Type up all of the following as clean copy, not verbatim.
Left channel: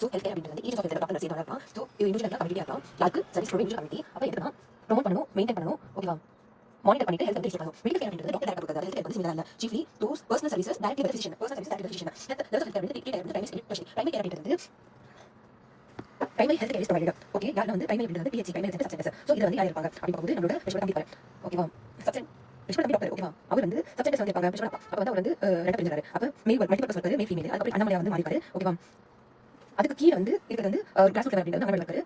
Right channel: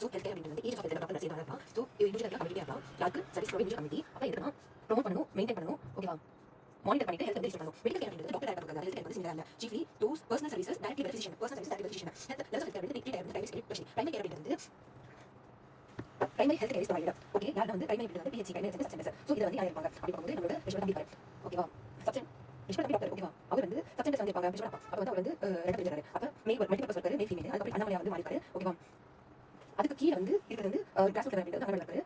So health care அப்படின்றது வந்து age of health doctor சேர்ந்து இருக்கலாம். ஸோ இது இண்டிவிஜுவலாக கம்யூனிட்டியாக இருக்கலாம். யாருக்கு சர்வீஸ் ப்ரொவைட் கம்யூனிட்டி அப்போ எதுக்கு ப்ரொமோட் பண்ணணும், மெயின்டைன் பண்ணணும், ஓகேவா, மானிட்டர் பண்ணிட்டு ஹெல்த் இன்க்ரீஸ் பண்ணணும். மெடிக்கல் கேர் அப்படின்றது டாக்டர் டேரக்டாக கொடுக்குறது. ஹெல்த் கேர் வந்து சிமிலர் இல்லை. Chiefly those personal services directly with physician, personal service directly with physician. Health care வந்து பிரைமரி கேர் அப்படின்றது primary health care is provided. Okay, யார் வந்து பிரைமரி அப்படின்றது PHC primary health centres. So இது வந்து யார் இருப்பாங்க அப்படி பார்க்கும்போது நம்மளோட விஷயம் கம்பி இருப்பாரு. ஓகேவா, சப்ஜெக்ட் விஷயம் கம்பி டாக்டர். ஓகேவா, அவர் வந்து சப்ஜெக்ட் வந்து இருப்பாங்க விஷயம் அப்போ வந்து அவர் வந்து ரெண்டு பிரிஞ்சாரு. அப்போ மேல் மல்டிபிள் பர்சன் இருக்காரு, மேல் ஃபீமேல். அதுக்கப்புறம் அண்ணாமலையா வந்து மாறிப்பாரு. ஓகேவா, அதுக்கு கீழே வந்து இருக்கிறது வந்து கிளாஸ் ஃபிளவர் அப்படின்றது அங்கே இருக்காரு.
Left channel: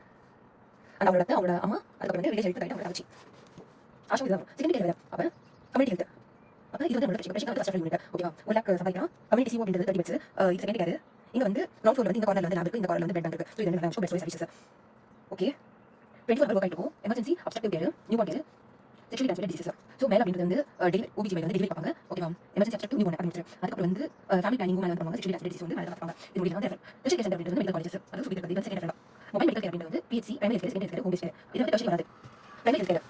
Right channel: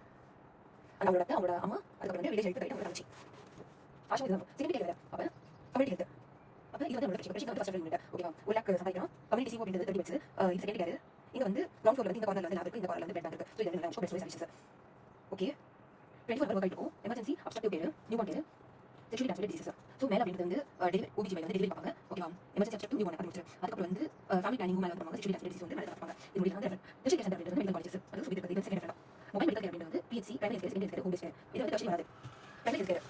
அந்த அவரோட அவரோட அம்மா, அதுக்கப்புறம் வந்து வில்லேஜ் ஹெல்த் ரைட் அவரோட ஆச்சு ஆஷா இதுதான் செகண்ட் கேர். அப்போ கம்யூனிட்டி ஹெல்த். அப்போ இது வந்து நம்மளோட பிரச்சனை வந்து கஷ்டம் யூனிட். ஓகேவா, 1 lakh சம்பாதிக்கலாம். கம்யூனிட்டி சிஓ அப்படின்றது 30 beds. இது செகண்ட் கேர். இங்கே வந்து கிரவுண்ட் ஃப்ளோர் வந்து இந்த கார்னர்ல வந்து லேப் இருக்கு, இந்த கார்னர்ல வந்து பெட் இருக்கு. ஸோ இது ரெண்டு பெஸ்ட் சர்வீசஸ். ஓகே, 24 hours ஆகிட்டு இருக்கும். Emergency obstructive care, new born care, sexually transmitted diseases. So மேலே அப்படின்றது வந்து ஓபிஜி மேலே வந்து டெலிவரி பார்ப்பாங்க. ஓகேவா, எமர்ஜென்சி அப்ஸ்ட்ரக்டிவ் நியூ பார்ன் அப்படின்னு அதுக்கப்புறம் வந்து ஃபேமிலி பிளானிங் மேலே வந்து பண்ணுவாங்க. செக்ஷுவலி ட்ரான்ஸ்மிட்டட் டிசீஸ் வந்து மேலே பார்ப்பாங்க. இது முடியல வந்து டெஸ்ட் கேர் சென்டர் அப்படின்றது மெடிக்கல் காலேஜஸ். அது சொல்லி இருக்கிறது second care. Mobile medical care அப்படின்றது வந்து PHC primary health care, second care, home based care. இது வந்து டெஸ்ட் வராது பிரைமரி ஹெல்த் கேர்.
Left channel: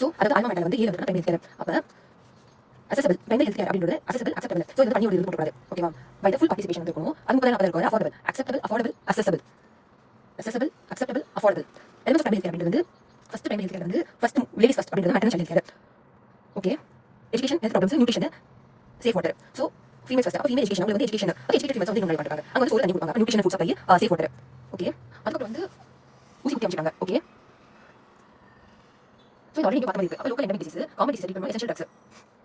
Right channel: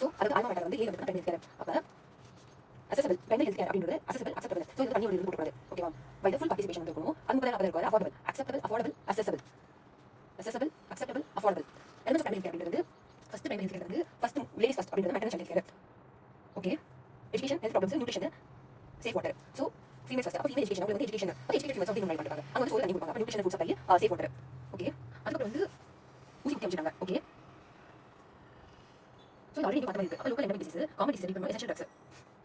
ஸோ அதாவது ஆல்மா மேட்டர் வந்து ஏழு வந்து பிரைமரி ஹெல்த் கேர். அப்போ accessible primary health care அப்படின்றது accessible acceptable. ஸோ இது தனி ஒரு இது போட்டுறாரு. ஓகேவா, பை த ஃபுல் பார்ட்டிசிபேஷன் இருக்கணும். அது முதல்ல அப்போ இருக்கும் affordable acceptable affordable accessible acceptable affordable. Elements of primary health care அப்படின்றது ஃபர்ஸ்ட் primary health care வந்து ஃபர்ஸ்ட் லேடிஸ் ஃபர்ஸ்ட் அப்படின்றது maternal health care. Okay, education health problems nutrition safe water. So females first. அப்போ female education அவங்க வந்து education educated females வந்து இவங்க பண்ணுறாங்க. அங்கே வந்து சோறு தண்ணி கொடுப்பாங்க, nutrition food supply, safe water. Okay, அதுக்கப்புறம் வந்து ஊசி குத்தி அமைச்சிட்டாங்க. ஓகே, ஸோ இது ஆல்ரெடி பார்த்து இருக்கு. அப்போ local endemic disease, common disease treat பண்ணணும், எசென்ஷியல் ட்ரக்ஸ்.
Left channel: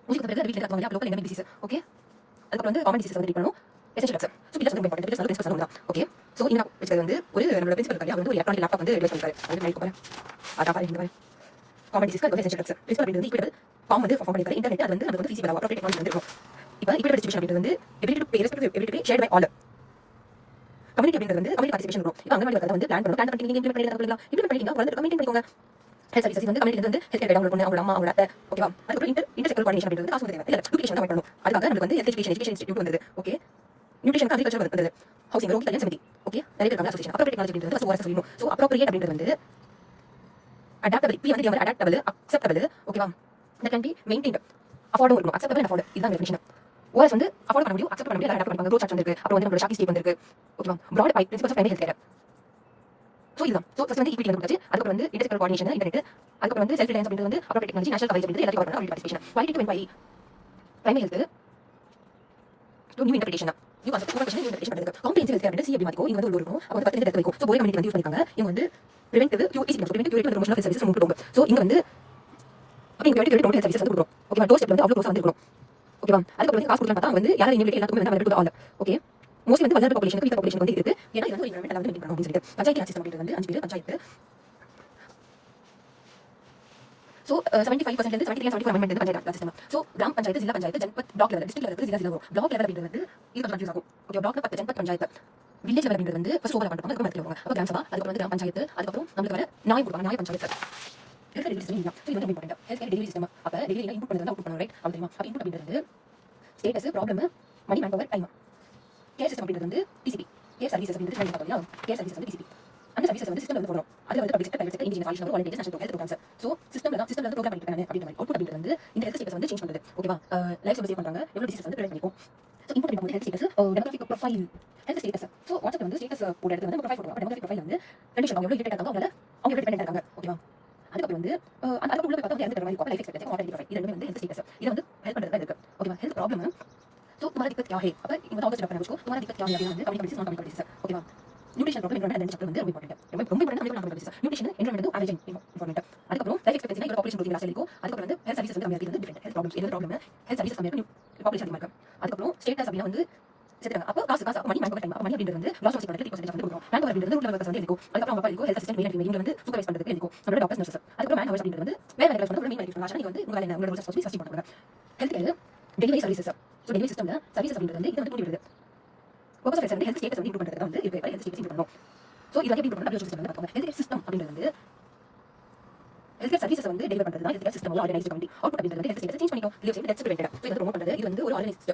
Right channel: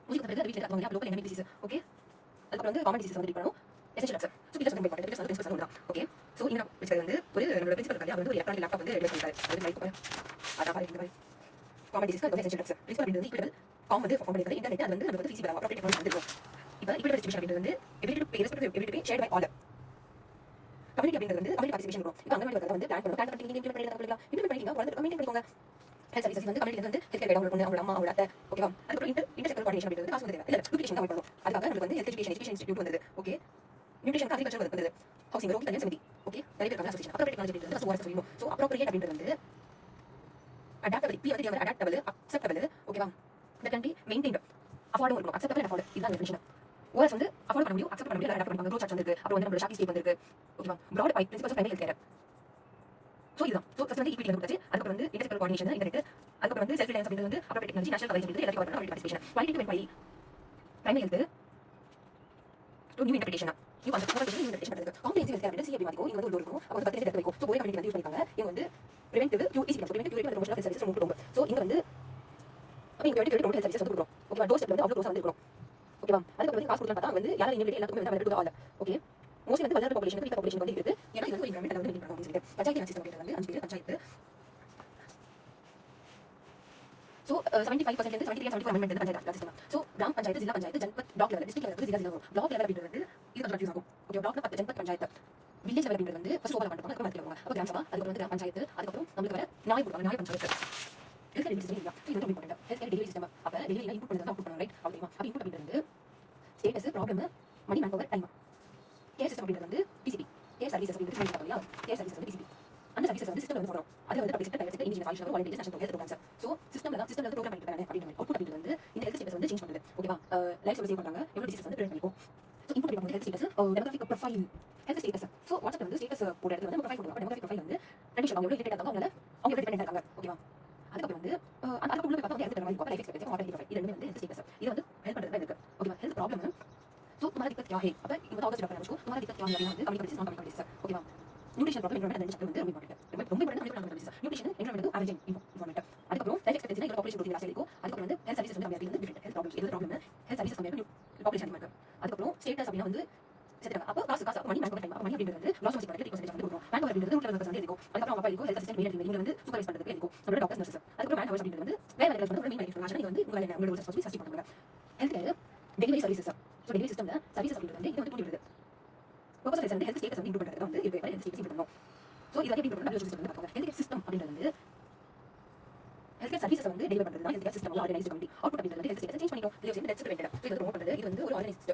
ஊசி குத்துறது வீட்டில் இருக்காங்க லோக்கல் எண்டமிக் டிசீஸ். ஓகே, அதுக்கப்புறம் வந்து காமன் டிசீஸ் வந்து ட்ரீட் பண்ணணும், எசென்ஷியல் ட்ரக்ஸ். ஸோ பில்லர்ஸ் வந்து இம்பார்ட்டன்ட். பில்லர்ஸ் வந்து பிரின்சிபல் தான். ஓகே, ஸோ இங்கே வச்சுக்கிறது வந்து ஒரு நம்மளோட பிரின்சிபல் இருக்காரு. அவர் வந்து ஒரு எலக்ட்ரானிக் லேப்டாப் வந்து டெவலப் பண்ணிருக்காரு. அது மாதிரி கூப்பிடுறேன். அதான் பாருங்க, இந்த மாதிரி காமன் டிசீஸ்க்கு வந்து எசென்ஷியல் ட்ரக்ஸ். பிரின்சிபல் அப்படின்றது ஈக்குவல் காம் வந்து ஃபார்ம் பண்ணிருக்காரு. இன்டர்நெட் அது வந்து நமக்கு வந்து ஃபீஸிபிள் ஆப்ரேட் டெக்னாலஜி வந்து இருக்கும். இப்போ ஈக்குவல் டிஸ்ட்ரிபியூஷன் அப்படின்றது வந்து ability to pay respect ability to pay shared by all. Community அப்படின்றது வந்து கம்யூனிட்டி பார்ட்டிசிபேஷன் இருக்கும். இப்போ அங்கன்வாடி ஒர்க்கர் வந்து பிளான் பண்ணி நீங்க இம்ப்ளிமெண்ட் பண்ணிக்கலாம். வந்து கம்யூனிட்டி பண்ணிக்கோங்க. ஹெல்த் சர்வீசஸ் வந்து கம்யூனிட்டி வந்து ஹெல்த் கேர் டவுன்லோட் பண்ணி அவங்க அம்மா அவங்க அத்தை. ஓகேவா, அதுக்கப்புறம் இன்டர்செக்டர் கோஆர்டினேஷன் அப்படின்றது காசு தேவை இல்லை, டுப்ளிகேஷன் தான் பண்ணணும். அதுக்காக நமக்கு வந்து எஜுகேஷன் இன்ஸ்டிடியூட் வந்தது. ஓகே, நியூட்ரிஷன் அக்ரிகல்ச்சர் வந்தது, ஹவுசிங் ரோட் கல்யாண சமிதி. ஓகே, நிறைய பேர் அசோசியேஷன் அப்ரோப்ரியேட் டெக்னாலஜி அப்படின்றது ஃபர்ஸ்ட் ஓஆர்எஸ் சொல்லணும். ஸோ அப்ரோப்ரியேட் அப்படின்றது வந்து அடாப்டபிள். பி வந்து அடாப்டபிள், அக்செப்டபிள். ஓகேவா, that can be maintained, affordable இருக்கும். அக்செப்டபிள் அண்ட் அஃபோர்ட் இதுதான் டெஃபினிஷன். ஓஆர்எஸ் வந்து அஃபோர்ட் பண்ண முடியும், அக்செப்ட் பண்ண முடியும், அடாப்ட் பண்ணுவாங்க. ரோட் சார்ட் வந்திருக்கு. அப்புறம் வந்து நம்மளோட ஷாக்கி ஸ்டேட் வந்திருக்கு. ஓகேவா, broad by principles of primary health care. So இதுதான். ஸோ ஃபர்ஸ்ட் வந்து ஈக்விட்டி வந்து கொடுத்தாச்சு. அதுக்கப்புறம் வந்து இன்டர்செக்டர் கோஆர்டினேஷன், இன்டர்நெட், அதுக்கப்புறம் வந்து செல்ஃப் ரிலையன்ஸ் அப்படின்றது வந்து அப்ரோப்ரியேட் டெக்னாலஜி, நேஷனல் கவரேஜ் அப்படின்றது எல்லாத்தையும் கவர் பண்ண பார்ட்டிசிபேஷன். வைட்டி to enquiry primary health so new interpretation new concept coordination new interpretation பண்ணுறது. காம்ப்ரிஹென்சிவ் ஹெல்த் கேர் அப்படின்றது சி அப்படி மாத்திக்கோ. இங்க வந்து ஒரு இருக்கும். அப்போ வந்து 10 இடத்துல இருக்கும். ஸோ போய் கம்யூனிட்டி வந்து யூஸ் பண்ணிருக்காங்க. இவங்க வந்து preventive preventive promotion of health services கொடுப்பாங்க. ஸோ இங்க வந்து அப்போ இங்க பிரிவென்டிவ் ஹெல்த் சர்வீசஸ் வந்து கொடுக்குறோம். ஓகேவா, டோர் ஸ்டெப் வந்து அவ்வளோ க்ளோஸாக வந்து இருக்கணும். ஓகேவா, அதுக்கப்புறம் வந்து காசு கொடுக்கலாம் பார்த்தா வந்து யாரும் இனிமேல் எல்லாத்துக்குமே வந்து அவைலபிள் ஆல். ஓகே, மோஸ்ட்லி வந்து வளர்ந்த பாப்புலேஷன் வீக் பாப்புலேஷன் வந்து இருக்கு. ஏன்னா இது வந்து என்வரன்மெண்ட் வந்து மெயின்டைன் பண்ணணும் அப்படின்னு சொல்லிட்டு பஞ்சாயத்து சிஸ்டம் அப்படின்றது வந்து 5 பேர் பஞ்சாயத்து. ஸோ 75% இருந்து 73 and 74 வந்து panchayat system. So gram panchayat, zilla panchayat, janpad, block level, district level, zilla வரும். பிளாக் லெவல் அப்படின்றது வந்து இது கொஞ்சம் கன்ஃபியூஸ் ஆகும். ஓகே, பிளாக்ல 10 ஜன்பத் பஞ்சாயத்து, வில்லேஜ் லெவல் அப்படின்றது வந்து ஃபர்ஸ்ட் ஓவர் பண்ணுவாங்க. அதுக்கு மேலே அப்போ கிராம் சபா, அதுக்கப்புறம் வந்து கிராம் பஞ்சாயத்து, அதுக்கப்புறம் நம்மளுக்கு வர நாய் கொடுப்பாங்க, நாய் பஞ்சாயத்து. ஹெல்த் டெலிவரி சிஸ்டம் இதுதான். ஸோ இது வந்து இம்பார்ட்டன்ட். Health delivery system. அப்போ டெலிவரி இன்புட் பண்ணுறது அவுட் பண்ணணும், ரைட்? அப்படி தெரியுமா? அப்போ இன்புட் அப்படின்றது status, problem, money, man power, time. Care system அப்படின்றது வந்து டிசிபி, கேர் சர்வீசஸ் அப்படின்றது ட்ரெயின் பார்த்தியா? கேர் சர்வீசஸ் வந்து டிசிபி. அந்த சர்வீசஸ் வந்து சிஸ்டம் வந்து போடணும். அதில் வந்து public sector, private sector, engineer, all India national health programmes. So சிஸ்டம்ல வந்து ப்ரோக்ராம் பண்ணிட்டு இருக்காங்க அப்படின்ற மாதிரி. அவுட்புட் அப்படின்றது வந்து இந்த ஹெல்த் ஸ்டேட்டஸ் வந்து சேஞ்ச் பண்ணுறது. ஓகேவா, லைஃப் சர்வீஸ் பண்றாங்க, எவ்வளோ டிசீஸ் வந்து ப்ரிவென்ட் பண்ணிக்கும். ஸோ இன்புட் பண்ணும்போது health status, demographic profile, health status. So வாட்ஸ்அப்ல வந்து ஸ்டேட்டஸ் போட இடத்துல வந்து ப்ரொஃபைல் போடுவாங்க. டெமோகிராஃபிக் ப்ரொஃபைல் வந்து கண்டிஷன் அவங்க எவ்வளோ இரிட்டேட் ஆகாங்க, அவங்க எவ்வளோ டிபெண்டன்ட் ஆகாங்க. ஓகேவா, அதுக்கப்புறம் வந்து அதுக்கப்புறம் உள்ள பார்த்தா வந்து மாதிரி லைஃப் எக்ஸ்பெக்டன்சி, மார்டாலிட்டி ப்ரொஃபைல். இது ரெண்டுமே வந்து ஹெல்த் ஸ்டேட்டஸ். இது வந்து ஹெல்ப் பண்ணுறது இருக்கு. ஓகேவா, ஹெல்த் ப்ராப்ளம். ஸோ तुम्हारा दिक्कत क्या है? अब ये बताओ जरा पहले तुम्हारा दिक्कत क्या है? வந்து கம்யூனிட்டி நான் கம்யூனிட்டி ஓகேவா, நியூட்ரிஷன் ப்ராப்ளம் என்வரன்மெண்ட் சாப்டர் வந்து ரொம்ப இம்பார்ட்டன்ட். ரொம்ப இம்பார்ட்டன்ட் கம்யூனிட்டி நியூட்ரிஷன் என்வரன்மெண்ட் வந்து ஆவரேஜ் இம்பார்ட்டன்ட். அதுக்கப்புறம் லைஃப் எக்ஸ்பெக்டன்சி இங்க பாப்புலேஷன் கொடுத்தீங்க லாஸ்ட் இருக்கும். அதுக்கப்புறம் வந்து ஹெல்த் சர்வீசஸ் வந்து கம்மியா இருக்கு, டிஃபரண்ட் ஹெல்த் ப்ராப்ளம்ஸ். என்ன ப்ராப்ளம்? ஹெல்த் சர்வீசஸ் கம்மியா இருக்கு, பாப்புலேஷன் அதிகமா இருக்கு. அதுக்கப்புறம் ஸ்டேட்டஸ் அப்படினா வந்து செத்துறாங்க. அப்போ காசு மணி மேன் பவர் டைம். மணி அப்படின்றது வந்து லாஸ்ட் ஹாஸ்பிட்டல் 30% வந்து கொடுக்கும். மேன் பவர் அப்படின்றது உள்ள ஒர்க்கர்ஸ் வந்து இருக்கும். அதுக்கப்புறம் அப்பா இருக்கும், ஹெல்த் அசிஸ்டன்ட் மெயின் இவங்க வந்து சூப்பர்வைஸ் பண்றதுக்கு இருக்கும். நம்மளோட டாக்டர்ஸ் நர்சஸ். அதுக்கப்புறம் மேன் பவர் அப்படின்றது வந்து வேற வேற வந்து மெயின் ஆயிட்டு நீங்க வந்து உங்களால என்ன உங்களோட ரெஸ்பான்சிபிலிட்டி ஃபர்ஸ்ட் பண்ணுவாங்க. Health care delivery services. So delivery சிஸ்டம்ல சர்வீசஸ் அப்படின்றது வந்து இது வந்து தூண்டி வருது. பர்பஸ் ஆஃப் வந்து ஹெல்த் ஸ்டேட்டஸ் வந்து இம்ப்ரூவ் பண்றது தான் வந்து இருக்கு. ஹெல்த் ஸ்டேட்டஸ் இம்ப்ரூவ் பண்ணணும். ஸோ இது வந்து எப்படி இம்ப்ரூவ் பண்ணலாம்? சிஸ்டம் வந்து பார்ப்போம். ஹெல்த் சிஸ்டம் அப்படின்றது வந்து ஹெல்த் கேர் சர்வீசஸ் வந்து டெலிவர் பண்றது தான் health care system organised committee. Output அப்படின்றது ஹெல்த் ஸ்டேட்டஸ் சேஞ்ச் பண்ணிக்கும். Live save deaths prevented. So இது ப்ரோமோட் பண்றது. இது வந்து ஒரு organised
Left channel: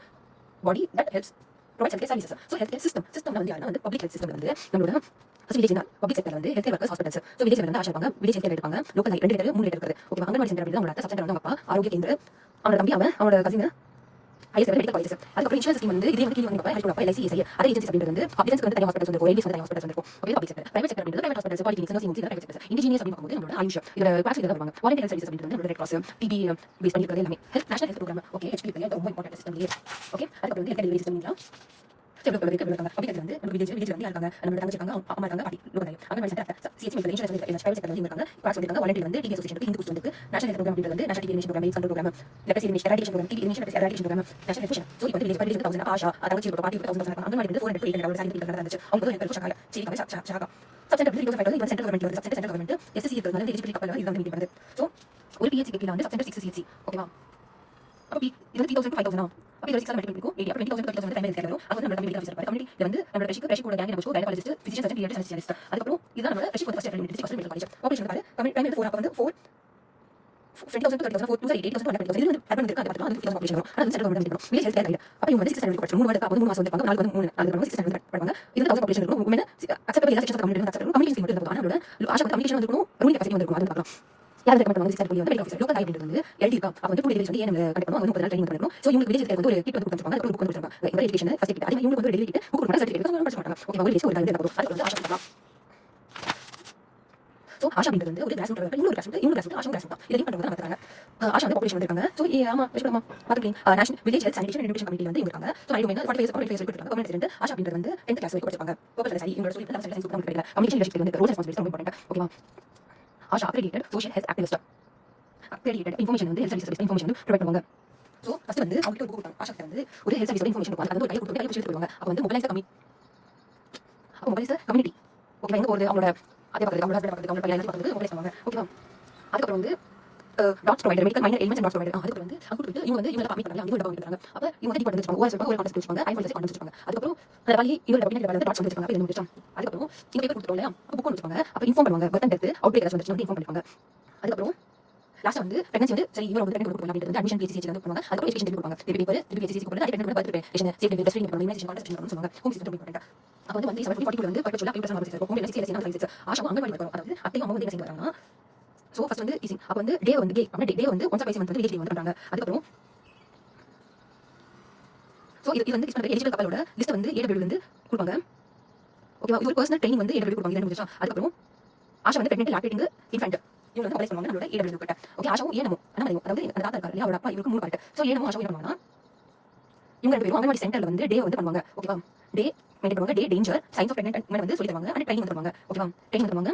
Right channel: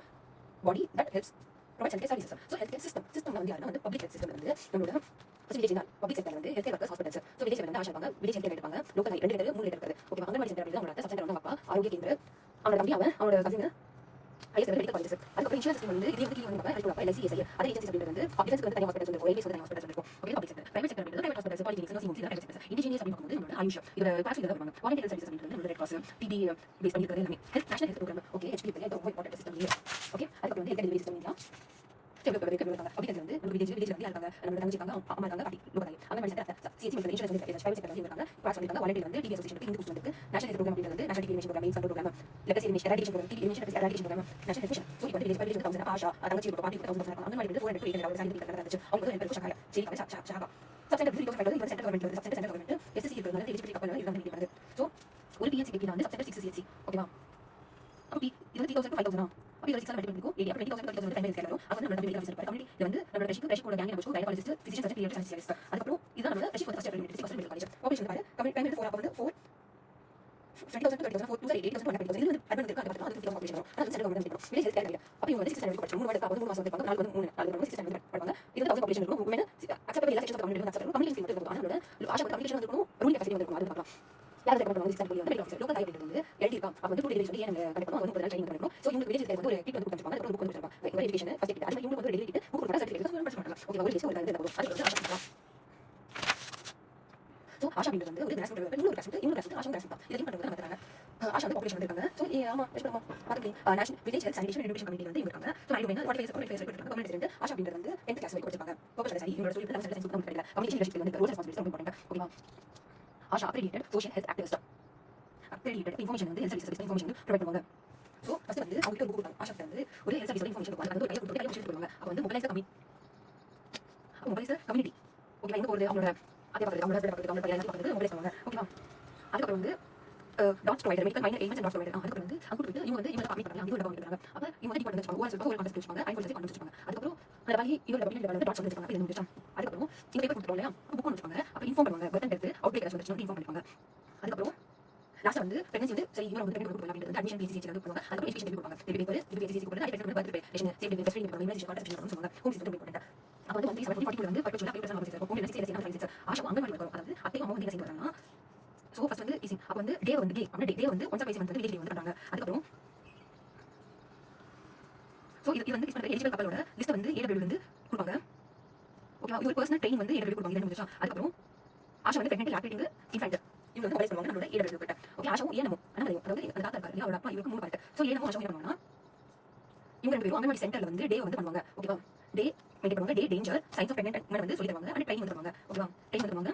body that helps provide health care services. So health care சிஸ்டம்ல வந்து யாருன்னா வந்து பப்ளிக் ஹெல்த் சிஸ்டம் வந்து நம்மளோட வில்லேஜ் தான். பப்ளிக் செக்டர்ல வந்து health care workers hospitals. So village வந்து ஆஷா இருப்பாங்க, வில்லேஜ் ஹெல்த் கேர் இருப்பாங்க, லோக்கல் 2 3 இருக்குது. ஓகே, அங்கன்வாடி சென்டர் அப்படி தான் உங்களோட சப் சென்டர் வந்து அப்பா ஆரோக்கிய கேந்திர அவனோட தம்பி அவனோட கசின் ஹையர் மெடிக்கல் காலேஜஸ். அதுக்கப்புறம் இன்சூரன்ஸ் ஸ்கீம் வந்து இதே வந்து கீழ வந்து பார்ப்பா LIC SI அதர் ஏஜென்சிஸ் அப்படின்றது வந்து டிஃபென்ஸ் வந்து தனி ஹாஸ்பிட்டல்ஸ் வந்து இருக்கும், ஏடிஎஸ் வந்து தனி ஹாஸ்பிட்டல்ஸ் வந்து இருக்கும். Okay, public sector. Private sector அப்படின்றது private hospitals, polyclinics, nursing homes, private sector. Indigenous அப்படின்னு பார்க்கும்போது நம்மளோட ஆயுஷ் இதோட கிளாஸ் இதெல்லாம் வருவாங்க. வாலண்டியர் ஹெல்த் சர்வீஸ் அப்படின்றது நம்மளோட ரெட் கிராஸ், டிபி பேஸ் பண்ணி இருக்கிறது எல்லாமே. National health programme. Okay, HPP அது ரொம்ப இம்பார்ட்டன்ட் சிஸ்டம் இல்லையா. ஓகே, அதுக்கப்புறம் வந்து ஹெல்த் டெலிவரி சிஸ்டம் சரி வந்து பப்ளிக் வந்து நம்ம வில்லேஜ் வந்து இருக்காங்க, நம்ம தங்கச்சி இருக்காங்க, அம்மா இருக்காங்க, பாட்டி லோக்கல் அங்க மாதிரி சென்டர் சிஎஸ்சி மெடிக்கல் இன்சூரன்ஸ் வந்து பிரைவேட் செக்டர் வந்து இருக்காங்க. கிளாஸ் வந்து இருக்காங்க. வாலண்டியர் வந்து டிபி அசோசியேஷன் ஹிந்து குஸ்ட் வந்து நேஷனல் ஹெல்த் ப்ரோக்ராம் அப்படின்றது வந்து national TB programme, medical programme, leprosy eradication programme, TB eradication programme, national nutrition. So இப்போ வில்லேஜ் பாலிசி 1000 ஆஷா தங்கச்சி ஒரு பாட்டி 1000 அங்க மாதிரி வந்து 400 சாலரி நடந்துச்சு. அவங்க வந்து எனக்கு ஷாகா சரி கவலை ஷாகா சப்சென்டர் பில் 2005 வந்து சென்ட்ரல் கவர்மெண்ட் வந்து சென்ட்ரல் கவர்மெண்ட் எஸ்எஸ்சி இருக்கிறது வந்து எலிஜிபிலிட்டி கப்பல் இது வந்து மீட் பண்ணுது. சோ ஒரு பிஹெச்சி கீழ வந்து சப்சென்டர் 6 சிஹெச்சி ஓகேவா. அப்ப இது வந்து 3000 to 5000 அப்ப இது 6 மல்டிபிள் இருக்கும் 80 அப்ப 20000 to 3000 பிரைமரி கேர் வரும். அது நம்ம கம்யூனிட்டி ஆஃபீசர் கம்யூனிட்டில வந்து நம்ம ரெஷிக் கூட கேங் நம்ம gynaecologist physician surgeon paediatrician specialist. அதுக்கப்புறம் இதுதான் நம்ம ரெஷிக் first year district medical college operation card primary 4 அப்ப வந்து 4 20,000 to 30,000 4 8,000 to 100,000 இது வந்து அட்வான்ஸ் இருக்கு. அது வந்து 50,000 பாப்புலேஷன் வரும். அது வந்து சென்ட்ரல் கவர்மெண்ட் எடுக்கணும். வில்லேஜ் ஹெல்த் கேர் அப்ப இவங்க வந்து 6 ஸ்டாண்டர்ட் படிச்சு 3 வருஷம் அப்ப 3 மாசம் வந்து 4 வந்து 3 4 வந்து 6 ஸ்டாண்டர்ட் படிப்பாங்க. இது 1000 பாப்புலேஷன் இருக்கும். உமன் அக்செப்டபிள் எல்லா sections community acceptable community scheme இருக்கும். அதனால ஆஷா கம்யூனிகேஷன் வந்து இருக்கணும், ரூலிங் கெபாசிட்டி வந்து இருக்கும். அது பார்க்கலாம். யார் ரெக்கமெண்ட் பண்ணுவாங்க 6 வந்து மெடிக்கல் ஆஃபீசர் லோக்கல் ஹைட் வந்து எழுதி இருக்கா. அப்ப வந்து 2 டெலிவரி வந்து ஏன் கனெக்ட் பண்ணுவாங்க. அது 30 நாள் ட்ரெய்னிங் பண்ணிருக்கணும். சோ இவங்க வில்லேஜ் வந்து ஒரு கிட் வந்து கொடுத்துருப்பாங்க. அது புக் வந்து கொடுத்துருப்பாங்க. இந்த எஜுகேஷன் ஃபர்ஸ்ட் கிட். அது இவங்க வந்து டெலிவரி கிட் புக் கொடுத்தா சர்டிஃபிகேட் வந்து படிச்சு மாட்டாங்க. ஓகே, அவங்க வில்லேஜ் ஒரு டைம் எடுத்து அது வந்து ஆஷா பண்ணலாம். சோ ஆஷா அப்படின்றது வந்து ஒரு கிளாஸ் ரூட் இன்னொரு grass root ASHA grass root தான். இதை பண்றது நம்ம தராங்க. ஆஷா வந்து பாப்புலேஷன் வந்திருக்காங்க. சோ ஆமா பேசலாமா பாத்துக்கீங்க. National village health sanitation nutrition committee வந்து இருக்காங்க. சோ ஐ வந்து 45 கொடுத்துருக்காங்க. கவர்மெண்ட் ரெசிடென்ட் ஆஷா அப்படின்றது வந்து 10th கிளாஸ் வரைக்கும் படிச்சிருப்பாங்க. பர்பஸ் சரி இவங்க சொல்லி தான் சயின்ஸ் குரூப் கிடைக்கல. கம்யூனிட்டி லீடர்ஷிப் வந்து ரோல் ரெஸ்பான்சிபிலிட்டி ரொம்ப இம்பார்ட்டன்ட். ஓகேவா. Asha accredited social health activist accredited information வந்து ஹெல்த் சர்வீஸ் இன்ஃபர்மேஷன் வந்து ப்ரொவைட் பண்ணுவாங்க. சோ ஃபர்ஸ்ட் வந்து அவங்க ஒரு கொடுப்பாங்க. ஆஷா வந்து ஒரு ஹெல்த் சர்வீஸ் இன்ஃபர்மேஷன் கொடுப்பாங்க. அது ஒரு கையில கொடுத்து கையில விஷயம் கொடுப்பாங்க. அப்ப வந்து மொபைலைஸ் கம்யூனிட்டி ஓகே எங்க போறது அவங்களோட அதே பக்கத்துல அவங்களோட அவங்க பையன் பக்கத்துல மொபைலைஸ் பண்ணுவாங்க. ஓகேவா. அதுக்கப்புறம் வந்து DOTS provider medical minor elements and DOTS provider அதுக்கு வந்து அங்க கொடுத்து இவங்க வந்து இவங்க கம்மி பண்ணலாம் இவங்க டபுள் பண்றாங்க. அப்ப இவங்க வந்து டிபார்ட்மெண்ட் வச்சுப்பாங்க. ஓஎஸ் ஒரு கான்செப்ட் வச்சுப்பாங்க. ஐ ஃபைல் வச்சுப்பாங்க. அதுக்கப்புறம் அந்த வழி இவங்க டபுள் வந்து டாட்ஸ் வச்சுப்பாங்க. அப்ப என்ன முடிச்சோம். அதுக்கப்புறம் இந்த பேப்பர் கொடுத்துறோம் இல்லையா. அப்ப புக் வச்சுப்பாங்க. அப்ப இன்ஃபார்ம் பண்ணுவாங்க. பர்த் டெத் அவுட்பேக் வந்து இன்ஃபார்ம் பண்ணிப்பாங்க. அதுக்கப்புறம் லாஸ்ட் வந்து பிரெக்னன்சி வந்து சரி இவங்க வந்து ட்ரெயின் கொடுப்பாங்க அப்படின்றது அட்மிஷன் பிசிசி வந்து கொடுப்பாங்க. அதுக்கு எஜுகேஷன் டெலிவரி கொடுப்பாங்க. பேப்பர் இது பிசிசி கொடுப்பாங்க. அது train birth preparation safety testing பண்ணணும் இமேஜ் கான்டாக்ட் பண்ணணும் சொல்லுவாங்க. Home system important. அப்ப வந்து 742 வந்து பர்பச்சுவலா பியூட்டர் சர்வீஸ் இருக்கும். Home system service Asha anganwadi வரும். அதாவது அத்தையும் அம்மா வந்து என்ன செய்வாங்க. சோ ஃபர்ஸ்ட் வந்து டீசிங் அப்ப வந்து டே வந்து டே வந்து ஒன்ஸ் பைஸ் வந்து வில்லேஜ் வந்து பண்றாங்க. அதுக்கப்புறம் சோ இது வந்து கிஸ்மன் எலிஜிபிள் கப்பலோட லிஸ்ட் வந்து ஏடபிள்யூ வந்து கொடுப்பாங்க. ஓகேவா. இது ஒரு பர்சனல் ட்ரெயினிங் வந்து ஏடபிள்யூ கொடுப்பாங்க. இது முடிஞ்சா அதுக்கப்புறம் ஆஷா வந்து பிரெக்னன்ட் லாக்டேட்டிங் இன்ஃபன்ட் இவங்க வந்து அப்ளை பண்ணுவாங்க. நம்மளோட ஏடபிள்யூ கிட்ட ஓகே ஆஷாவும் ஏனமோ அதாவது அந்த தாத்தா இருக்காரு இல்லையா அவரோட அப்பா இவருக்கு 3 பார்ட். சோ ஏனமோ ஆஷாவும் என்ன பண்ணுவாங்கன்னா இவங்க ரெண்டு பேரும் அங்கன்வாடி சென்டர்ல வந்து டே வந்து பண்ணுவாங்க. ஓகேவா. டே மெயின்டைன் பண்ணுவாங்க. The danger signs of pregnant and women வந்து சொல்லி தருவாங்க. அண்ட் ட்ரெயினிங் தருவாங்க. ஓகேவா. ட்ரெயினிங் தருவாங்க.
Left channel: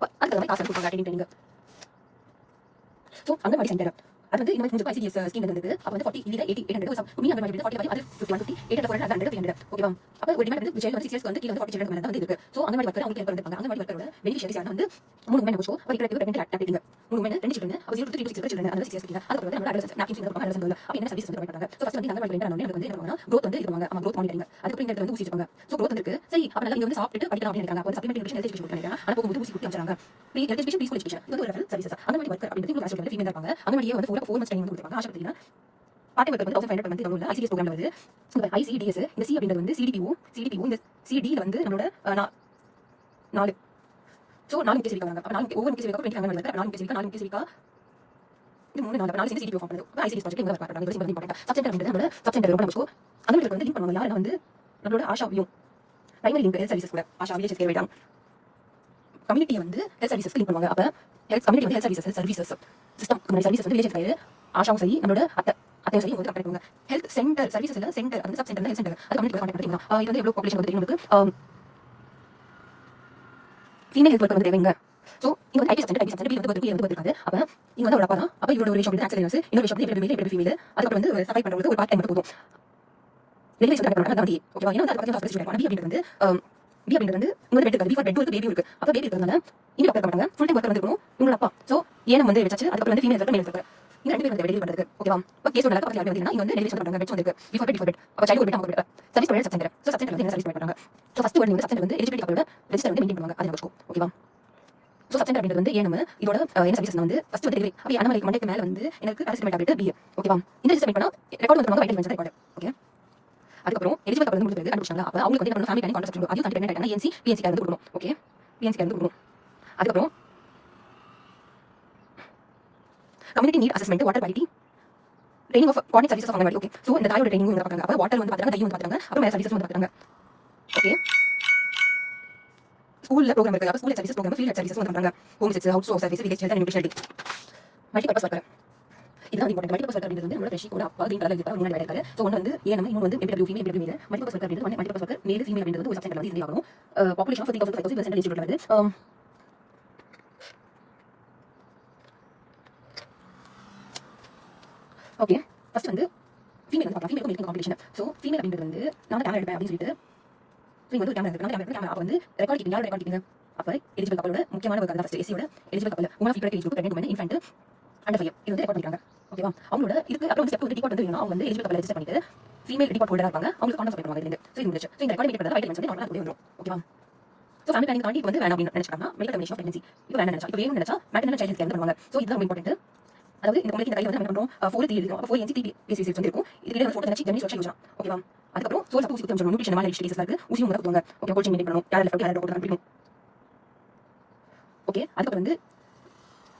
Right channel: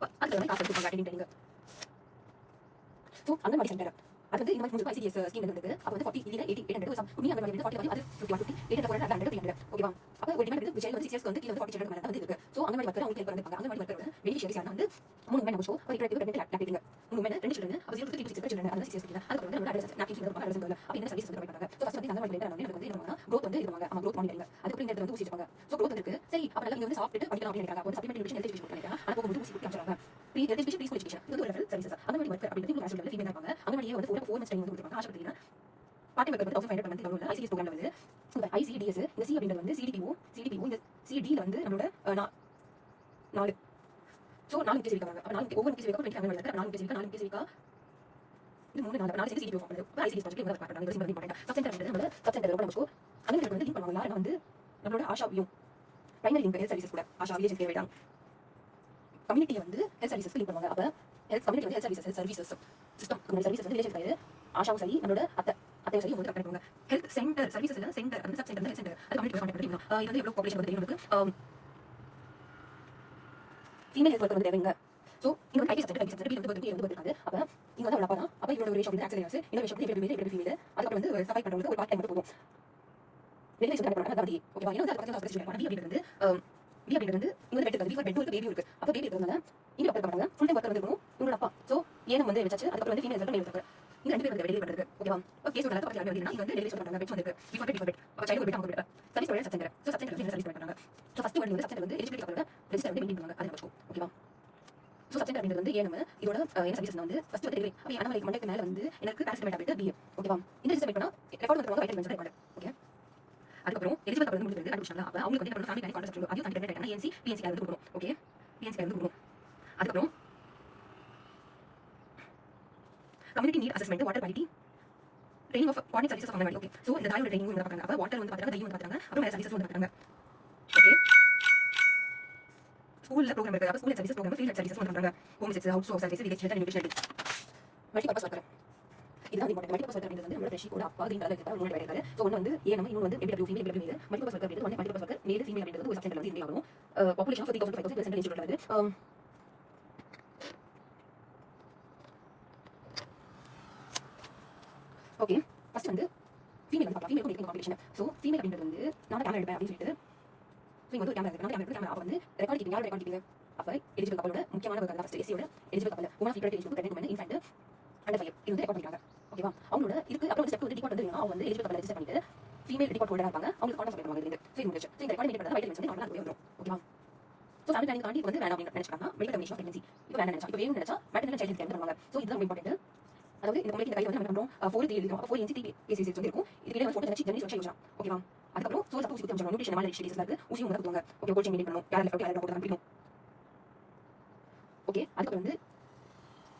அதுக்கு வந்து காசு கொடுப்பாங்க ட்ரெயினிங். சோ அங்கன்வாடி சென்டர் அது வந்து இந்த மாதிரி கொஞ்சம் ஐசிடிஎஸ் ஸ்கீம் இருந்தது. அப்ப வந்து 40 இல்ல 80 800 மீ அங்கன்வாடி 40 அது 150 800 400 300 ஓகேவா. அப்ப ஒரு டிமாண்ட் வந்து ஜெயில் வந்து 6 இயர்ஸ் வந்து கீழ வந்து 40 சில்ட்ரன் வந்து இருக்கு. சோ அங்கன்வாடி வர்க்கர் அவங்க கேர் பண்ணிருப்பாங்க. அங்கன்வாடி வர்க்கரோட பெனிஃபிஷியரிஸ் யாரா வந்து 3 உமன் நோஷோ அப்ப இப்ப பிரெக்னன்ட் லாக்டேட்டிங் 3 உமன் 2 சில்ட்ரன் அப்ப 0 to 3 to 6 சில்ட்ரன் அந்த 6 இயர்ஸ் கிட்ட அதுக்கு வந்து நம்ம அட்ரஸ் நாப்கின்ஸ் வந்து அட்ரஸ் வந்து அப்ப என்ன சர்வீஸ் வந்து ப்ரொவைட் பண்றாங்க. சோ ஃபர்ஸ்ட் வந்து அங்கன்வாடி வெண்டர் வந்து என்ன பண்ணுவாங்க growth வந்து இதுவாங்க நம்ம growth மானிட்டரிங் அதுக்கு இந்த இடத்துல வந்து ஊசி வச்சுப்பாங்க. சோ growth வந்து இருக்கு சரி அப்ப நல்லா இங்க வந்து சாப்பிட்டு படிக்கலாம் அப்படி நினைக்கிறாங்க. அப்ப சப்ளிமெண்டரி நியூட்ரிஷன் ஹெல்த் எஜுகேஷன் பண்ணிடுறாங்க. அங்க போகும்போது ஊசி குத்தி அனுப்புறாங்க. Free health education peaceful education இது ஒரு ரெஃபரன்ஸ் சர்வீஸ் அங்கன்வாடி வர்க்கர் அப்படிங்கிறது ஒரு ஆஸ்ட்ரேலியா ஃபீமேல் இருப்பாங்க. அங்கன்வாடியே வந்து 4 months ட்ரெயினிங் கொடுப்பாங்க. ஆஷா பத்தினா பார்ட்டி வர்க்கர் வந்து 1500 வந்து இதுல ஐசிடிஎஸ் ப்ரோக்ராம்ல வருது. இந்த ஐசிடிஎஸ் இந்த சி அப்படின்றது வந்து சிடிபிஓ இந்த சிடி ல வந்து நம்மளோட 4 சோ 4 கேஸ் இருக்காங்க. அப்ப 4 ஒவ்வொரு கேஸ் இருக்க 20 அங்கன்வாடி வர்க்கர் 4 கேஸ் இருக்க இது 3 4 சேர்ந்து சிடிபிஓ ஃபார்ம் பண்ணுது. ஐசிடிஎஸ் ப்ராஜெக்ட் இங்க வர்க் பண்றாங்க. இது ரொம்ப இம்பார்ட்டன்ட். சப் சென்டர் அப்படின்றது நம்மளோட சப் சென்டர் ரொம்ப நமக்கு அங்கன்வாடி வந்து லிங்க் பண்ணுவாங்க. யாரா வந்து நம்மளோட ஆஷாவையும் பிரைமரி லிங்க் ஹெல்த் சர்வீசஸ் கூட ஆஷா வில்லேஜ் கேர் வைட்டாங்க. கம்யூனிட்டி வந்து ஹெல்த் சர்வீசஸ் லிங்க் பண்ணுவாங்க. அப்ப ஹெல்த் கம்யூனிட்டி வந்து ஹெல்த் சர்வீசஸ் சிஸ்டம் நம்ம சர்வீசஸ் வந்து வில்லேஜ் கேர் ஆஷாவும் சரி நம்மளோட அத்தையும் சரி வந்து கனெக்ட் பண்ணுவாங்க. ஹெல்த் சென்டர் சர்வீசஸ் இல்ல சென்டர் அந்த சப் சென்டர் ஹெல்த் சென்டர் அது கம்யூனிட்டி கான்டாக்ட் பண்ணிக்கலாம். இது வந்து எவ்வளவு பாப்புலேஷன் வந்து நமக்கு ஃபீமேல் ஹெல்த் வர்க்கர் வந்து தேவைங்க. சோ இங்க வந்து ஐடி சென்டர் வந்து இருக்காது. அப்ப இங்க வந்து ஒரு அப்பா தான். அப்ப இவரோட ஒரு ரிலேஷன் வந்து ஆக்சிடென்ட்ஸ் இன்னொரு ரிலேஷன் வந்து எப்படி ஃபீமேல் அதுக்கு வந்து சர்வை பண்றது ஒரு பார்ட் டைம் போதும். வெளியே சொல்ல கரெக்ட் பண்ணா ஓகேவா. ஏன்னா அது பத்தி சொல்றேன். பி அப்படின்றது பி அப்படின்றது வந்து இங்க பெட் இருக்கு. பிஃபோர் பெட் இருக்கு பேபி இருக்கு. அப்ப பேபி இருக்கிறதுனால இங்க டாக்டர் பண்ணாங்க. ஃபுல் டைம் வர்க்கர் வந்து இருக்கணும். இவங்க அப்பா சோ ஏனம் வந்து வெச்சாச்சு. அதுக்கு வந்து ஃபீமேல் வர்க்கர் மேல் வர்க்கர் இந்த ரெண்டு பேரும் வந்து டெலிவரி பண்றது ஓகேவா. இப்ப கேஸ் நடக்க பத்தி வந்து இங்க வந்து டெலிவரி பண்றாங்க. பெட் வந்து இருக்கு. பிஃபோர் பெட் அப்ப சைல்ட் பெட் அவங்க service provider sub centre. So sub centre வந்து என்ன சர்வீஸ் ப்ரொவைட் பண்றாங்க. சோ ஃபர்ஸ்ட் வந்து சப் சென்டர் வந்து எலிஜிபிலிட்டி கப்பலோட ரெஜிஸ்டர் வந்து மெயின்டைன் பண்ணுவாங்க. அது நமக்கு ஓகேவா. சோ சப் சென்டர் அப்படின்றது வந்து ஏனம் இதோட என்ன சர்வீஸ் வந்து ஃபர்ஸ்ட் வந்து டெலிவரி அப்ப அனமலை மண்டேக்கு மேல வந்து எனக்கு பேராசிட்டமல் டேப்லெட் பி ஓகேவா. இந்த ரெஜிஸ்டர் பண்ணா ரெக்கார்ட் வந்து வைட்டமின்ஸ் ரெக்கார்ட் ஓகே. அதுக்கப்புறம் எலிஜிபிள் கப்பல் வந்து முடிஞ்ச பிறகு கண்டுபிடிச்சாங்க. அப்ப அவங்களுக்கு வந்து ஃபேமிலி பிளானிங் கான்ட்ராக்ட் கொடுக்கணும். அதையும் கண்டிப்பா என்ன என்சி பிஎன்சி வந்து கொடுக்கணும். ஓகே பிஎன்சி வந்து கொடுக்கணும். அதுக்கப்புறம் community need assessment water quality training of coordinate services of anganwadi. Okay, so இந்த தாயோட ட்ரைனிங் வந்து பார்க்குறாங்க. அப்போ வாட்டர் வந்து பார்க்குறாங்க, டையும் வந்து பார்க்குறாங்க, அப்புறம் வேறு சர்வீசஸ் வந்து பார்க்குறாங்க. ஓகே, ஸ்கூலில் ப்ரோக்ராம் இருக்குது. அப்போ school services programme, field services வந்து பண்ணுறாங்க. Home service, house service, village health and nutrition. Multipurpose worker இதுதான் இம்பார்ட்டன்ட். மல்டிபர்பஸ் ஒர்க்கர் அப்படின்றது வந்து நம்மளோட ஃப்ரெஷ் கூட அப்பா கிரீன் கலர்ல இருக்கிற முன்னாடி வேலை இருக்காரு. ஸோ ஒன்று வந்து ஏஎம், இன்னொன்று வந்து MPW ஃபீமேல், MPW மேல். மல்டிபர்பஸ் ஒர்க்கர் அப்படின்றது மல்டிபர்பஸ் ஒர்க்கர் மேல் ஃபீமேல் அப்படின்றது ஒரு சப்செக்ட் வந்து இது ஆகும். பாப்புலேஷன் ஆஃப் 30,000 சென்ட்ரல் இன்ஸ்டிடியூட் வந்து ஓகே, ஃபர்ஸ்ட் வந்து ஃபீமேல் வந்து பார்க்கலாம். ஃபீமேலுக்கு மேலுக்கு காம்படிஷன். ஸோ ஃபீமேல் அப்படின்றது வந்து நான் கேமரா எடுப்பேன் அப்படின்னு சொல்லிட்டு நீங்கள் வந்து கேமரா எடுப்பேன். கேமரா அப்போ வந்து ரெக்கார்ட் கீப்பிங், யாரோட ரெக்கார்ட் கீப்பிங் அப்போ எலிஜிபிள் கப்பலோட முக்கியமான ஒரு ஃபர்ஸ்ட் எஸ்சியோட eligible couple women feed age group pregnant women infant under 5 இது வந்து ரெக்கார்ட் பண்ணிருக்காங்க. ஓகேவா, அவங்களோட இதுக்கு அப்புறம் ஸ்டெப் வந்து டிபார்ட் வந்து அவங்க வந்து எலிஜிபிள் கப்பல் ரெஜிஸ்டர் பண்ணிட்டு ஃபீமேல் டிபார்ட் ஹோல்டரா இருப்பாங்க. அவங்களுக்கு கான்டாக்ட் பண்ணுவாங்க இதுல. ஸோ இது முடிச்சு. ஸோ இந்த ரெக்கார்ட் மீட் பண்ணுறது வைட்டல் வந்து நார்மலாக வந்துடும். ஓகேவா, ஸோ ஃபேமிலி பிளானிங் தாண்டி வந்து வேணாம் அப்படின்னு நினைச்சாங்க. மெடிக்கல் டெர்மினேஷன் ஆஃப் பிரெக்னன்சி இப்போ வேணும் நினைச்சா, இப்போ வேணும்னு நினைச்சா மேட்டர்னல் சைல்ட் கேர் பண்ணுவாங்க. ஸோ இதுதான் இம்பார்ட்டன்ட். அதாவது இந்த பொண்ணுக்கு இந்த கையில் வந்து நம்ம பண்ணுறோம் 4 3 எழுதும். அப்போ 4 NC TPSS வந்து இருக்கும். இதுக்கு வந்து ஃபோட்டோ நினைச்சு ஜெனரேட் சொல்லி யோசனா. ஓகேவா, அதுக்கப்புறம் சோர்ஸ் அப்போ ஊசி குத்தி அமைச்சோம். நியூட்ரிஷன் மாதிரி டிஸ்டேஸ் இருக்கு. ஊசி வந்து குத்துவாங்க. ஓகே, கோச்சிங் மெயின்டைன் பண்ணணும். யாரை லெஃப்ட் யாரை ரைட் கொடுக்கணும். ஓகே, அதுக்கப்புறம் வந்து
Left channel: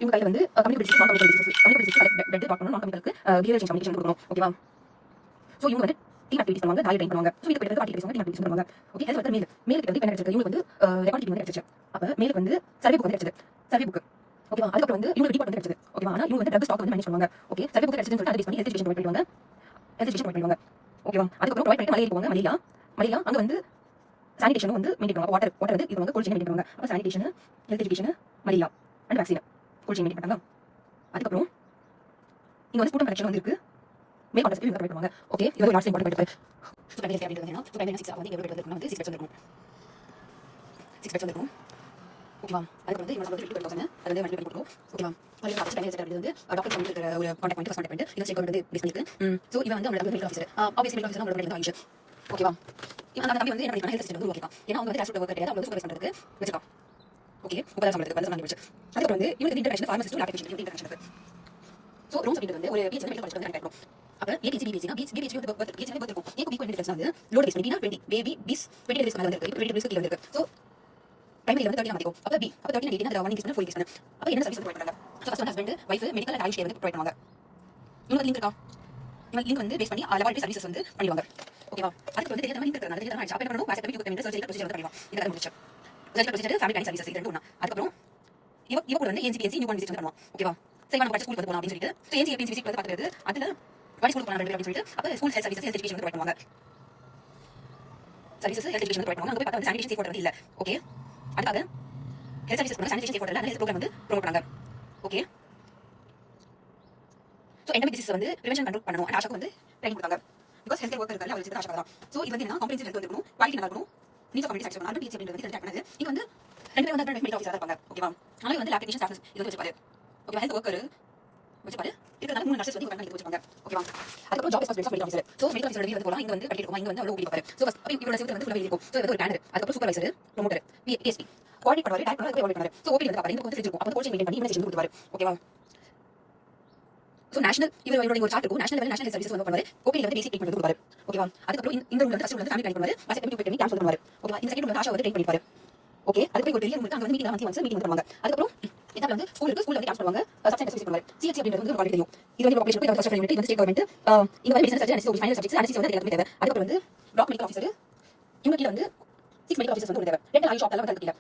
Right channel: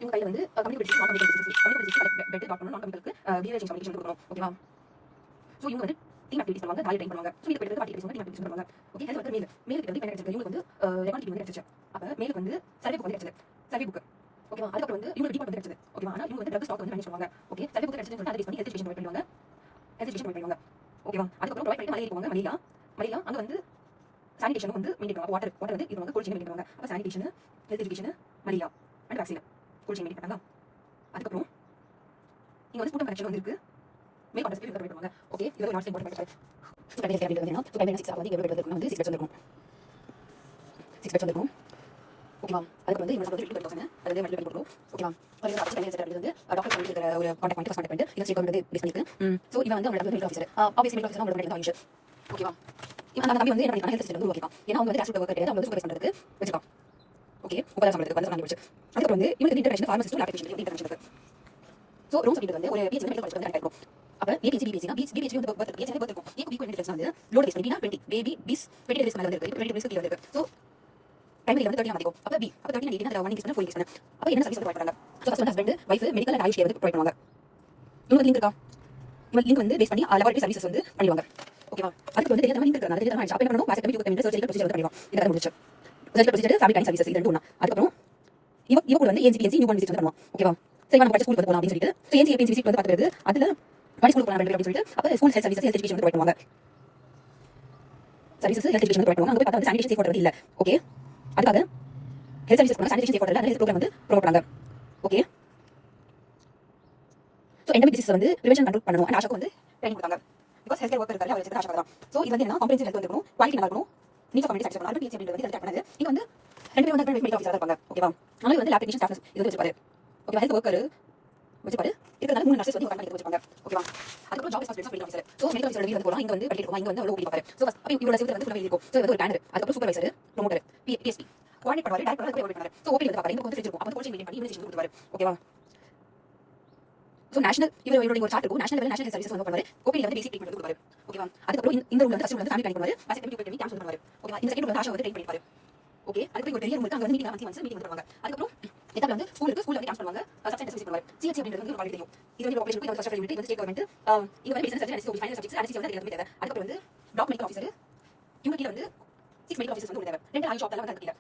இவங்க கையில் வந்து கம்யூனிட்டி டிசீஸ், நான் கம்யூனிட்டி டிசீஸ் பெட் டாக்டர் நான் கம்யூனிட்டி பிஹேவியர் சேஞ்ச் கம்யூனிகேஷன் கொடுக்கணும். ஓகேவா, ஸோ இவங்க வந்து டீம் ஆக்டிவிட்டிஸ் பண்ணுவாங்க, டயட் ட்ரெயின் பண்ணுவாங்க. ஸோ இது பெரிய ஆக்டிவிட்டிஸ் வந்து டீம் ஆக்டிவிட்டிஸ் பண்ணுவாங்க. ஓகே, ஹெல்த் வந்து மேலுக்கு வந்து என்ன கிடைச்சிருக்கு, இவங்க வந்து ரெக்கார்ட் கீப்பிங் வந்து கிடைச்சிச்சு. அப்போ மேலுக்கு வந்து சர்வே புக் வந்து கிடைச்சது. சர்வே புக் ஓகேவா, அதுக்கப்புறம் வந்து இவங்க டிபார்ட் வந்து கிடைச்சது. ஓகேவா, ஆனால் இவங்க வந்து ட்ரக் ஸ்டாக் வந்து மேனேஜ் பண்ணுவாங்க. ஓகே, சர்வே புக் கிடைச்சதுன்னு சொல்லிட்டு அதை பேஸ் பண்ணி ஹெல்த் எஜுகேஷன் ப்ரொவைட் பண்ணுவாங்க. ஹெல்த் எஜுகேஷன் ப்ரொவைட் பண்ணுவாங்க. ஓகேவா, அதுக்கப்புறம் ப்ரொவைட் பண்ணிட்டு மலேரியா போவாங்க. மலேரியா அங்கே வந்து சானிடேஷன் வந்து மெயின்டைன் பண்ணுவாங்க. வாட்டர் வந்து இது வந்து கோல்ட் செயின் மெயின்டைன் பண்ணுவாங்க. அப்போ sanitation, health education, malaria and vaccine cold chain maintain பண்ணுவாங்க. அதுக்கப்புறம் இங்கே வந்து ஸ்பூட்டம் கலெக்ஷன் வந்து இருக்கு. மேல் கான்டெஸ்ட் இவங்க ப்ரொவைட் பண்ணுவாங்க. ஓகே, இது ஒரு last important point. So primary அப்படின்றது என்னன்னா, ஸோ ப்ரைமரி 6 ஆகுது. எவ்வளோ பெட் வந்து 6 பெட்ஸ் இருக்கும். 6 பெட்ஸ் இருக்கும். ஓகேவா, அதுக்கு வந்து இவங்க வந்து 50,000 அது வந்து மல்டிபிள் கொடுக்கும். ஓகேவா, அது வந்து செகண்ட் செட் வந்து டாக்டர் பண்ணிட்டு இருக்கிற ஒரு contact point, first contact point இதை செக் வந்து பேஸ் பண்ணிருக்கு. ஸோ இவன் வந்து அவங்களோட medical officer. Office medical officer அவங்களோட வந்து ஆயிடுச்சு. ஓகேவா, இவன் அந்த தம்பி வந்து என்ன பண்ணிருக்காங்க, ஹெல்த் சிஸ்டம் வந்து உருவாக்கிட்டான். ஏன்னா அவங்க வந்து கேஷ் ஒர்க் கிடையாது, அவங்க சூப்பர்வைஸ் பண்ணுறதுக்கு வச்சுக்கலாம். ஓகே, 30,000 சம்பளத்துக்கு வந்து சம்பளம் வச்சு. அதுக்கப்புறம் வந்து இவங்க international pharmacist lab technician international இருக்கு. ஸோ ரோம்ஸ் அப்படின்றது வந்து ஒரு பிஹெச் வந்து மெடிக்கல் காலேஜ் வந்து கனெக்ட் ஆகும். அப்போ ஏபிசி பிபிசினா பிஹெச் வந்து பர்த் பிஹெச் வந்து பர்த் இருக்கும். ஏக்கு ஈக்குவல் டிஃபரன்ஸ் வந்து லோட் பேஸ் பண்ணினா 20 பேபி பிஸ் 20 டேஸ் மேல வந்து இருக்கு. 20 டேஸ்க்கு கீழ இருக்கு. ஸோ பிரைமரி வந்து 30 ஆகும். அப்போ 30 18 அதுல 1 இன்க்ரீஸ் பண்ண 4 இன்க்ரீஸ் பண்ண. அப்போ என்ன சர்வீஸ் வந்து ப்ரொவைட் பண்றாங்க. ஸோ ஃபர்ஸ்ட் வந்து husband wife medical and AYUSH care வந்து ப்ரொவைட் பண்ணுவாங்க. இவங்க லிங்க் இருக்கா, இவங்க லிங்க் வந்து பேஸ் பண்ணி லெவல் சர்வீசஸ் வந்து பண்ணுவாங்க. ஓகேவா, அதுக்கு வந்து தெரியாத லிங்க் இருக்கறனால தெரியாத ஆயிடுச்சு. அப்போ என்ன பண்ணணும், வாட்ஸ்அப் பண்ணி சர்ஜரி ப்ரொசீஜர் வந்து பண்ணுவோம். இதெல்லாம் முடிச்சு surgery procedure family time services இது ரெண்டும் ஒண்ணா. அதுக்கப்புறம் இவ கூட வந்து NCPNC நியூ பார்ன் விசிட் பண்ணுவோம். ஓகேவா, சரி நான் படிச்ச ஸ்கூலுக்கு வந்து போலாம் அப்படின்னு சொல்லிட்டு ஸோ NCPNC விசிட் வந்து பார்த்துட்டு அதுல படிச்ச ஸ்கூலுக்கு போலாம் அப்படின்னு சொல்லிட்டு அப்போ school health services health education வந்து ப்ரொவைட் பண்ணுவாங்க. சர்வீசஸ் ஹெல்த் எஜுகேஷன் ப்ரொவைட் பண்ணுவாங்க. அங்கே போய் பார்த்தா வந்து சானிடேஷன் சேஃப் வாட்டர் வந்து இல்லை. ஓகே, அதுக்காக ஹெல்த் சர்வீசஸ் பண்ண sanitation safe water health programme வந்து ப்ரொவைட் பண்ணாங்க. ஓகே, ஸோ எண்டமிக் டிசீஸ் வந்து ப்ரிவென்ஷன் கண்ட்ரோல் பண்ணணும். அண்ட் ஆஷாக்கு வந்து ட்ரைனிங் கொடுத்தாங்க. பிகாஸ் ஹெல்த் கேர் ஒர்க்கர் இருக்காரு, அவர் வச்சு ஆஷா தான். ஸோ இது வந்து என்ன காம்ப்ரிஹென்சிவ் ஹெல்த் வந்துருக்கும், குவாலிட்டி நல்லா இருக்கும், நீட்ஸ் கம்யூனிட்டி சாக்சஸ் பண்ணலாம். பிஹெச் அப்படின்றது வந்து ட்ராக் பண்ணது. இங்க வந்து 2 பேர் வந்து மெடிக்கல் ஆஃபீஸரா இருப்பாங்க. ஓகேவா, அதனால வந்து லேப் டெக்னீஷியன் ஸ்டாஃப் இது வந்து வச்சுப்பாரு. ஓகே, ஹெல்த் ஒர்க்கர் வச்சுப்பாரு. இருக்கிறதால 3 நர்சஸ் வந்து கரெக்டாக வச்சுப்பாங்க. ஓகேவா, அதுக்கப்புறம் job responsibilities medical officer. So medical officer வந்து போகலாம். இங்க வந்து படிக்க இருக்கும், இங்க வந்து அவ்வளோ ஓபி பார்ப்பாரு. ஸோ ஃபர்ஸ்ட் அப்போ இவரோட சிவில் வந்து ஃபுல்லாக இருக்கும். ஸோ இது வந்து ஒரு பேனர், அதுக்கப்புறம் சூப்பர்வைசர், ப்ரொமோட்டர், PSP கோஆர்டினேட் பண்ணுவாரு, டைரக்டர் வந்து கோஆர்டினேட் பண்ணுவாரு. ஸோ ஓபி வந்து பார்ப்பாரு, இங்க வந்து ஃப்ரிட்ஜ் இருக்கும், அப்போ கோச்சிங் மெயின்டைன் பண்ணி இன்வெஸ்டிகேஷன் கொடுப்பாரு. ஓகேவா, ஸோ நேஷனல் இவரோட ஒரு சார்ட் இருக்கும், நேஷனல் லெவல் நேஷனல் சர்வீசஸ் வந்து பண்ணுவாரு. ஓபியில் வந்து பேசிக் ட்ரீட்மெண்ட் கொடுப்பாரு. ஓகேவா, அதுக்கப்புறம் இந்த ரூல் வந்து ஃபர்ஸ்ட் வந்து ஃபேமிலி பிளானிங் பண்ணுவாரு, வாட்ஸ்அப் பண்ணி கேம்ப் பண்ணுவாரு. ஓகேவா, இந்த செகண்ட் வந்து ஆஷா வந்து ட்ரெயின் பண்ணிப்பாரு. ஓகே, அதுக்கு ஒரு பெரிய ரூம் இருக்கு, அங்க வந்து மீட்டிங் வந்து மீட்டிங் பண்ணுவாங்க. அதுக்கப்புறம் எதால வந்து ஸ்கூல் இருக்கு, ஸ்கூல்ல வந்து கேம்ப் பண்ணுவாங்க, சப்ஜெக்ட் விசிட் பண்ணுவாரு. CHC அப்படின்றது வந்து உங்களுக்கு தெரியும், இது வந்து பாப்புலேஷன் இது ஃபர்ஸ்ட் யூனிட், இது ஸ்டேட் கவர்மெண்ட், இங்க வந்து medicine surgery anaesthesia final subjects anaesthesia வந்து எல்லாமே தேவை. அதுக்கப்புறம் வந்து பிளாக் மெடிக்கல் ஆஃபீஸர், இவங்க கீழ வந்து 6 மெடிக்கல் ஆஃபீஸர்ஸ் வந்து தேவை. ரெண்டு ஆயுஷ் ஆப்ல வந்து கீழ.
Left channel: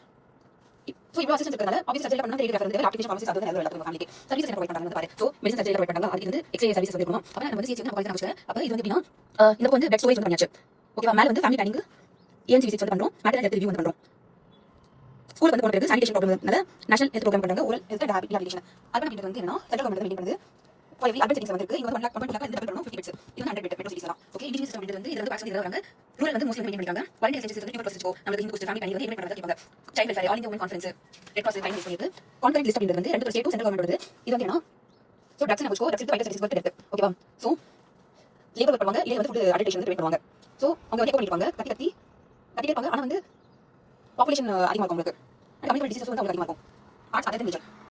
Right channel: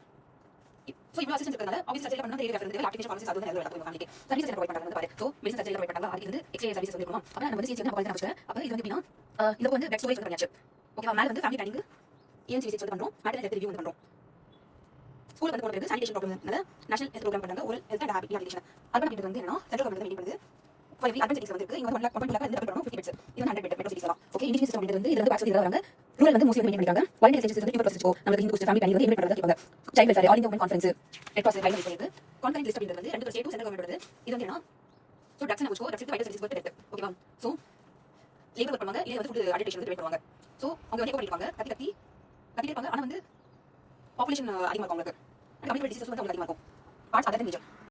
ஸோ இவ்வளோ அசிஸ்டன்ஸ் இருக்கறனால ஆஃபீஸ் சர்ஜரி பண்ணா டெய்லி ரெஃபர் வந்து அப்ளிகேஷன் பாலிசி அது வந்து எல்லாத்துக்கும் ஃபேமிலிக்கு சர்வீஸ் என்ன ப்ரொவைட் பண்றாங்க பாரு. ஸோ மெடிசன் சர்ஜரி ப்ரொவைட் பண்றாங்க, அதுக்கு வந்து எக்ஸ்ரே சர்வீஸ் வந்து இருக்கணும். அப்போ நம்ம வந்து CHC வந்து அப்பாயிண்ட் பண்ணி அப்போ இது வந்து எப்படின்னா இந்த வந்து பெட் ஸ்டோரேஜ் வந்து பண்ணியாச்சு. ஓகேவா, மேல வந்து ஃபேமிலி பிளானிங் ENC விசிட் வந்து பண்றோம், மேட்டர் ஹெல்த் ரிவ்யூ வந்து பண்றோம். ஸ்கூல் வந்து போறது சானிடேஷன் ப்ராப்ளம்னால நேஷனல் ஹெல்த் ப்ரோக்ராம் பண்றாங்க, ஓரல் ஹெல்த் அண்ட் ஹாபிலிட்டேஷன். அர்பன் அப்படின்றது வந்து என்னன்னா சென்ட்ரல் கவர்மெண்ட் மெயின்டைன் பண்ணுது. இப்போ அர்பன் சிட்டிஸ் வந்து இருக்கு, இங்க வந்து 1 lakh வந்து டபுள் பண்ணனும் 50 பெட்ஸ். இது வந்து 100 பெட் மெட்ரோ சிட்டிஸ் எல்லாம். ஓகே, இண்டிஜினஸ் சிஸ்டம் வந்து இது வந்து பாக்ஸ் வந்து வராங்க. ரூரல் வந்து மோஸ்ட்லி மெயின்டைன் பண்றாங்க. வாலண்டியர் சிஸ்டம் வந்து ப்ரோசஸ் இருக்கும். நம்ம இந்த ஃபேமிலி பிளானிங் வந்து இன்வைட் பண்றாங்க கேட்பாங்க. Child welfare all India women conference red cross final பண்ணிட்டு கான்ஃபரன்ஸ் லிஸ்ட் அப்படின்றது வந்து 2 ஸ்டேட் சென்ட்ரல் கவர்மெண்ட் வருது. இது வந்து என்னன்னா so drugs and drugs vital service வந்து இருக்கு. ஓகேவா, ஸோ லேபர் ஒர்க் பண்ணுவாங்க, லேபர் வந்து ஃபுட் அடிக்டேஷன் வந்து பண்ணுவாங்க. ஸோ அவங்க வந்து பண்ணிடுவாங்க, கத்தி இருப்பாங்க. ஆனால் வந்து பாப்புலேஷன் அதிகமாக இருக்கும், உங்களுக்கு கம்யூனிட்டி டிசீஸ் வந்து அவங்களுக்கு அதிகமாக இருக்கும். Parts other major